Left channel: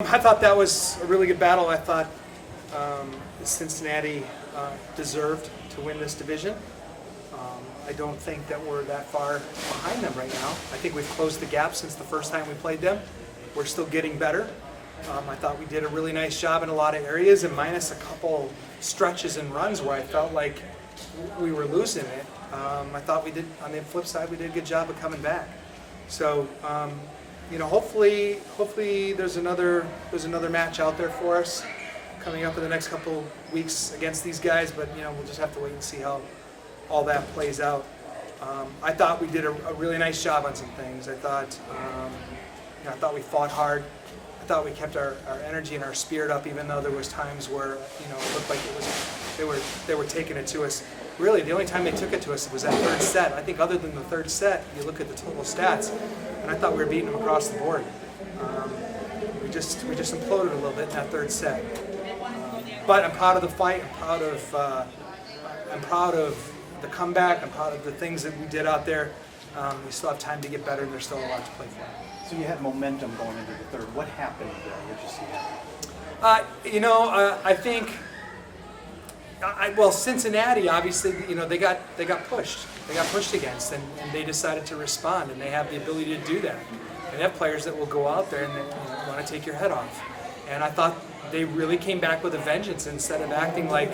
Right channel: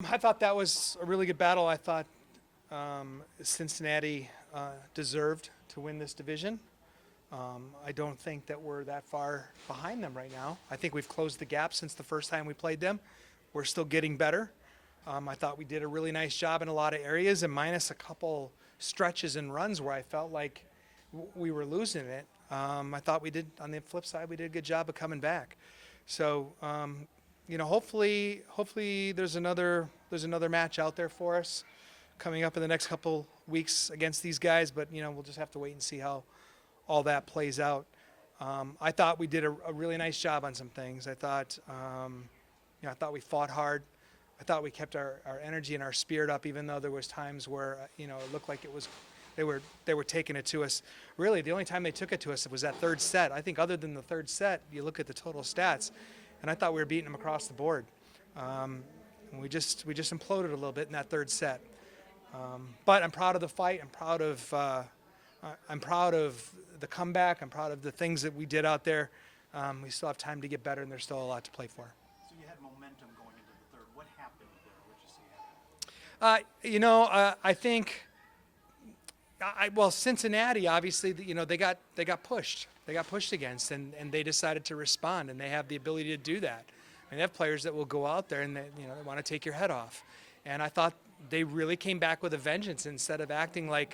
I thought that was a really good battle. I thought Cincinnati deserved to win this division. I don't think that we're that far behind them right now. I think we've closed the gap since the first time we played them. We're still getting better. I thought we did a really nice job in a lot of areas, and minus a couple stretches and runs where I felt like we were losing it. I thought we did, on the flip side, we did a good job of coming back. So, hopefully there's another match out there for us coming up in the next couple weeks against these guys. But we'll just have to wait and see how all that plays out. I thought we did a really nice job on some things. I thought we fought hard. I thought we kept our energy and our spirit up, even though there was times where it looked like they were taking it to us. Really, the only time they took it to us was that third set. I think other than the third set, you look at the total stats, and I thought we were beating them across the board. We just imploded a little bit in that third set. But I'm proud of the fight. I'm proud of the comeback. I'm proud of the things that we did out there. We still have time to get better, and there's still a lot to play for. So you had momentum going into the third. What happened there? What did you see happen? I think. Well, Cincinnati, obviously, they got pushed. They got pushed against, and they decided to respond, and they have the ability to do that. They have players that will go out there and they want to take your head off. And I thought they really came back with a vengeance. Instead of acting like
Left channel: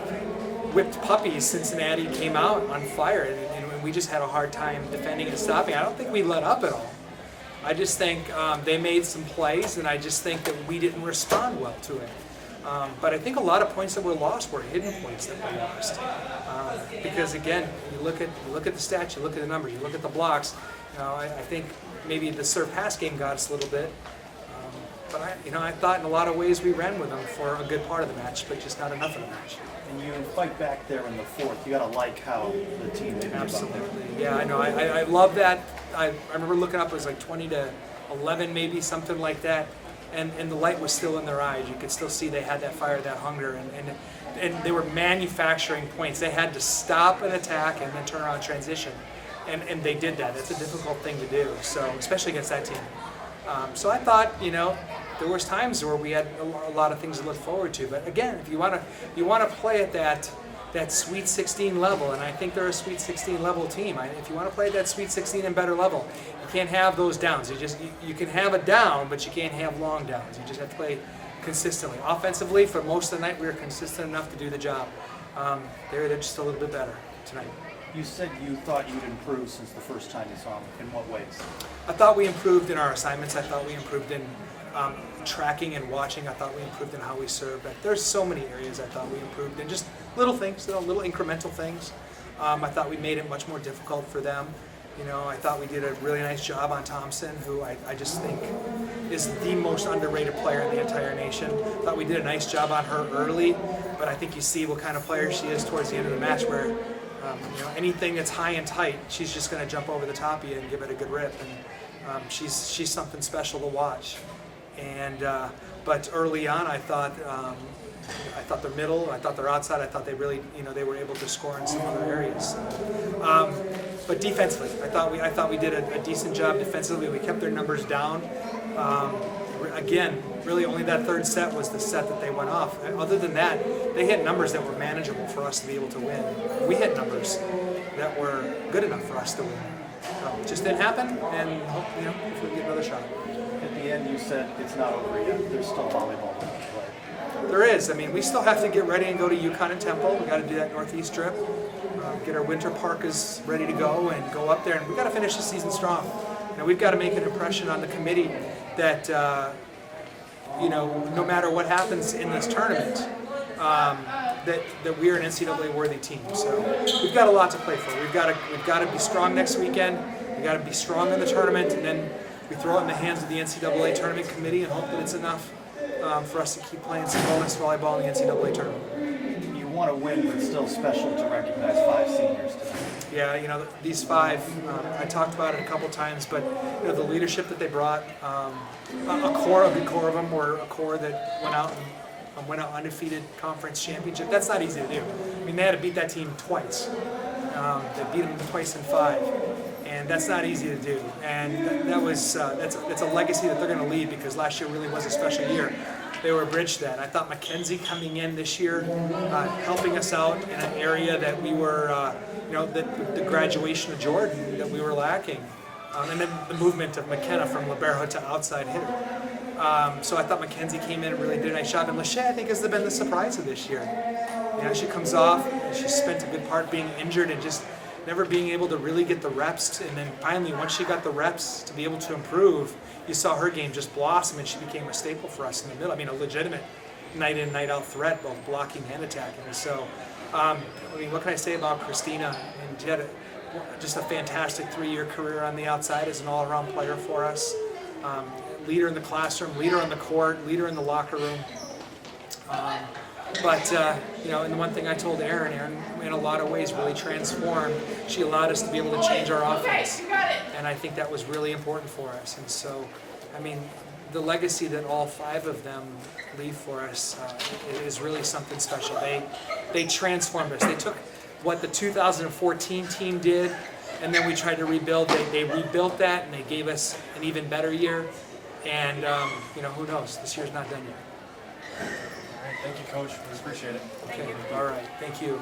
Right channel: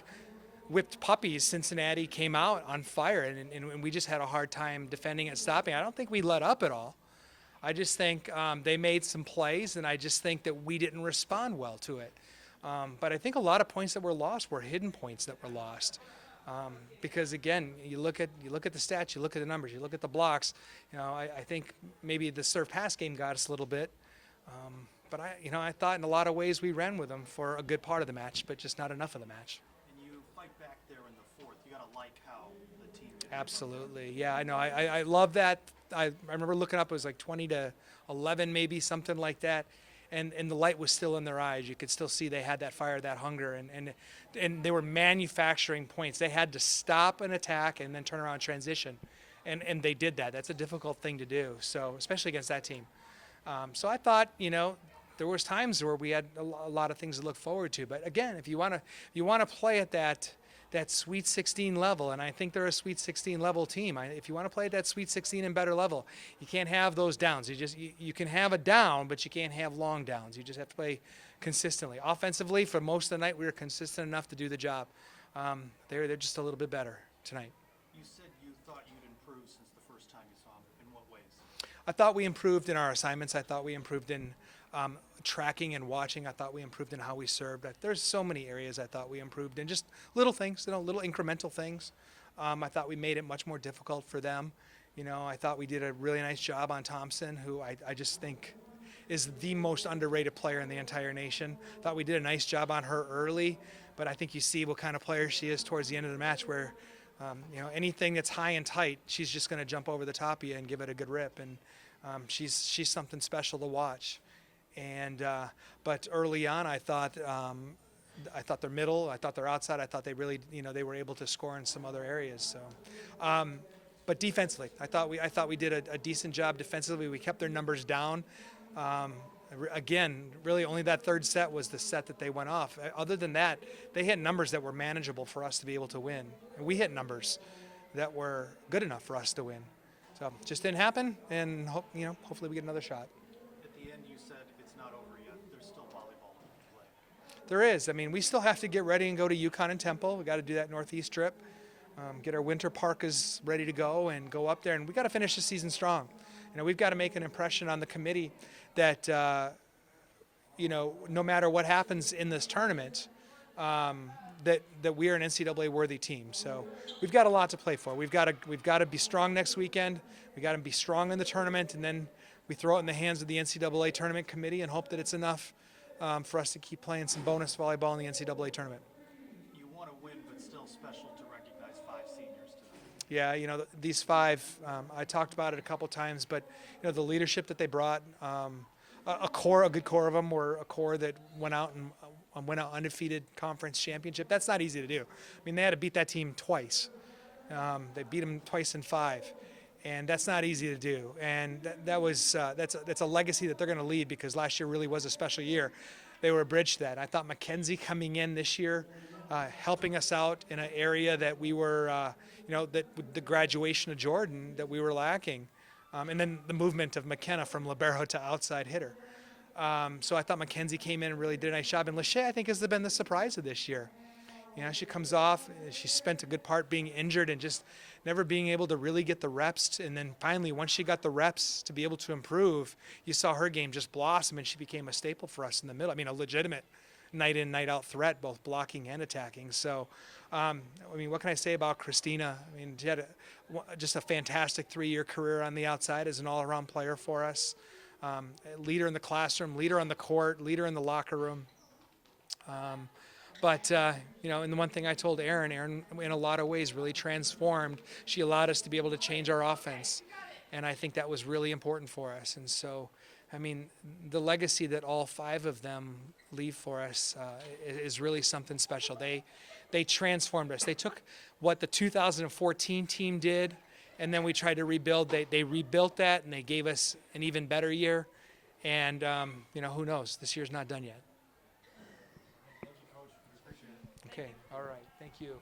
whipped puppies, Cincinnati came out on fire, and we just had a hard time defending and stopping. I don't think we let up at all. I just think they made some plays, and I just think that we didn't respond well to it. But I think a lot of points that were lost were hidden points that we lost. Because again, you look at the stats, you look at the numbers, you look at the blocks. I think maybe the serve pass game got us a little bit. But I thought in a lot of ways we ran with them for a good part of the match, but just not enough of the match. And you fight back there in the fourth. You got to like how the team did. Absolutely, yeah, I know. I love that. I remember looking up, it was like 20-11, maybe something like that. And the light was still in their eyes. You could still see they had that fire, that hunger, and they were manufacturing points. They had to stop an attack and then turn around and transition, and they did that. That's a difficult thing to do, so especially against that team. So I thought, there was times where we had a lot of things to look forward to. But again, if you want to play at that Sweet 16 level, and I think they're a Sweet 16 level team. If you want to play at that Sweet 16 and better level, you can't have those downs. You can have a down, but you can't have long downs. You just have to play consistently. Offensively, for most of the night, we were consistent enough to do the job. They're just a little bit better tonight. You said you thought you'd improved since the first time you saw them. In what ways? I thought we improved in our assignments. I thought we improved in tracking and watching. I thought we improved in how we served. There's so many areas I thought we improved in, just little things, little incremental things. I thought we made it much more difficult for them. I thought we did a really nice job on Thompson, who I just think is the most underrated player in the entire nation. I thought we did a nice job on her early, but I think you see what kind of player she is towards the end of the match, where anything that's high and tight, she's just going to jump over the top of you and give it a good rip. And she's something special to watch. And but early on, I thought their middle, I thought their outside, I thought they really, they were able to score in some other areas. But defensively, I thought we did a decent job defensively. We kept their numbers down. Again, really only that third set was the set that they went off. Other than that, they hit numbers that were manageable for us to be able to win. We hit numbers that were good enough for us to win. So it just didn't happen, and hopefully we get another shot. At the end, you said it's not over yet. There's still volleyball to play. There is. We still have to get ready and go to Yukon and Temple. We got to do that Northeast trip. Get our winter parkas ready to go and go up there. And we got to finish the season strong. We've got to make an impression on the committee that no matter what happens in this tournament, that we're an NCAA worthy team. So we've got a lot to play for. We've got to be strong next weekend. We've got to be strong in the tournament, and then we throw it in the hands of the NCAA tournament committee and hope that it's enough for us to keep playing some bonus volleyball in the NCAA tournament. You want to win, but still special to recognize 5 seniors tonight. Yeah, these 5, I talked about it a couple times, but the leadership that they brought, a good core of them, or a core that went out undefeated conference championship. That's not easy to do. They had to beat that team twice. They beat them twice in 5. and that's not easy to do. And that's a legacy that they're going to leave, because last year really was a special year. They were a bridge then. I thought Mackenzie coming in this year, helping us out in an area that we were, the graduation of Jordan that we were lacking, and then the movement of McKenna from libero to outside hitter. So I thought Mackenzie came in and really did a nice job. And Lachey, I think, has been the surprise of this year. She comes off, she spent a good part being injured and just never being able to really get the reps. And then finally, once she got the reps to be able to improve, you saw her game just blossom, and she became a staple for us in the middle. I mean, a legitimate night in, night out threat, both blocking and attacking. So, what can I say about Christina? I mean, she had just a fantastic 3-year career on the outside as an all-around player for us. Leader in the classroom, leader on the court, leader in the locker room. And the one thing I told Aaron, in a lot of ways really transformed. She allowed us to be able to change our offense. And I think that was really important for us. And so, the legacy that all 5 of them leave for us is really something special. They transformed us. They took what the 2014 team did, and then we tried to rebuild. They rebuilt that, and they gave us an even better year. And, who knows? This year's not done yet. All right, thank you, Coach. We appreciate it. Okay, all right. Thank you.